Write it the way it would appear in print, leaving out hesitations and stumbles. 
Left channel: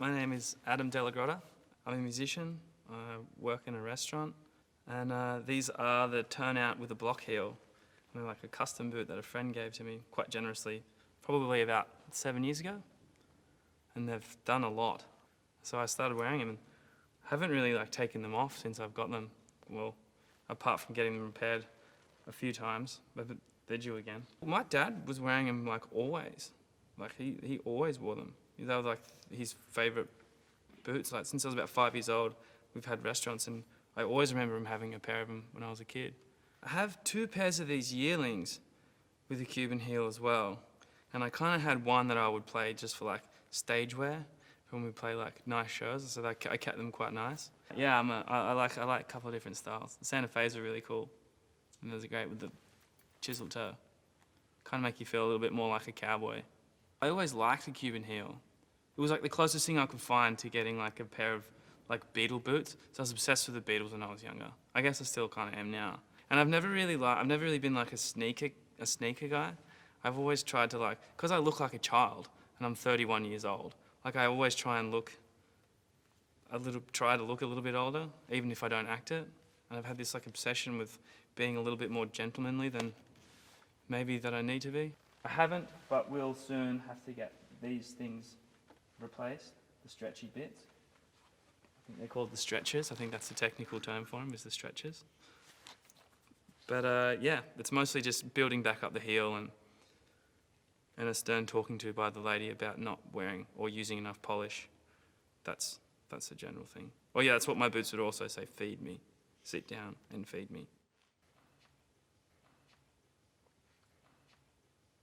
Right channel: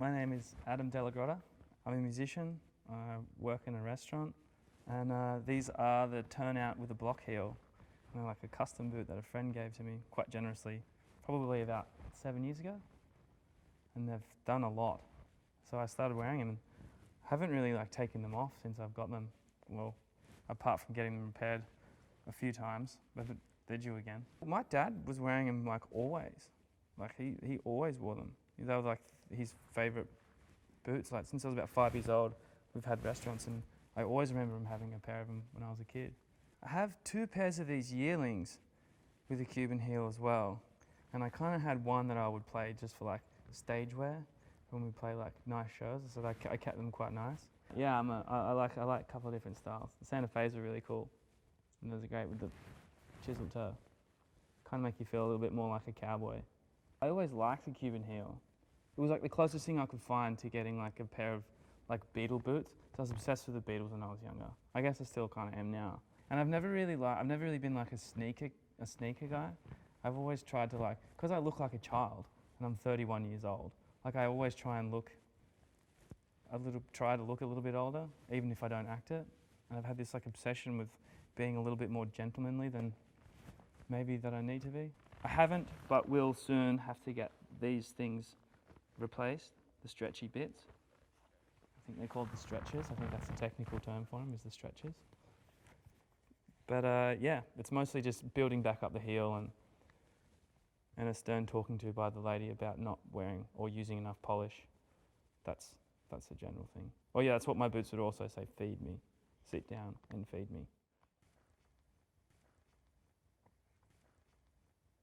My name is Della. I'm a musician. I work in a restaurant, and these are the turnout with a block heel. They're like a custom boot that a friend gave to me quite generously, probably about 7 years ago, and they've done a lot. So I started wearing them, and I haven't really taken them off since I've got them. Well, apart from getting them repaired a few times, but they're due again. My dad was wearing them always. He always wore them. They were his favourite boots. Since I was about 5 years old, we've had restaurants, and I always remember him having a pair of them when I was a kid. I have 2 pairs of these yearlings with a Cuban heel as well, and I kind of had one that I would play just for stage wear when we play nice shows, so I kept them quite nice. Yeah, I like a couple of different styles. The Santa Fe's are really cool, and those are great with the chiseled toe. Kind of make you feel a little bit more like a cowboy. I always liked a Cuban heel. It was the closest thing I could find to getting a pair of Beatle boots. So I was obsessed with the Beatles when I was younger. I guess I still kind of am now. And I've never really been a sneaker guy. I've always tried to because I look like a child and I'm 31 years old. I always try to look a little bit older, even if I don't act it. And I've had this obsession with being a little bit more gentlemanly than maybe that I need to be. I haven't, but will soon have to get these things replaced, the stretchy bits. I think they're called the stretchers. I think that's the technical term for them, is the stretchers. But yeah, it's mostly just building back up the heel and a stern talking to by the lady about not wearing or using enough polish. That's a general thing. Oh yeah, that's what my boots would also say, feed me. Sit down and feed me.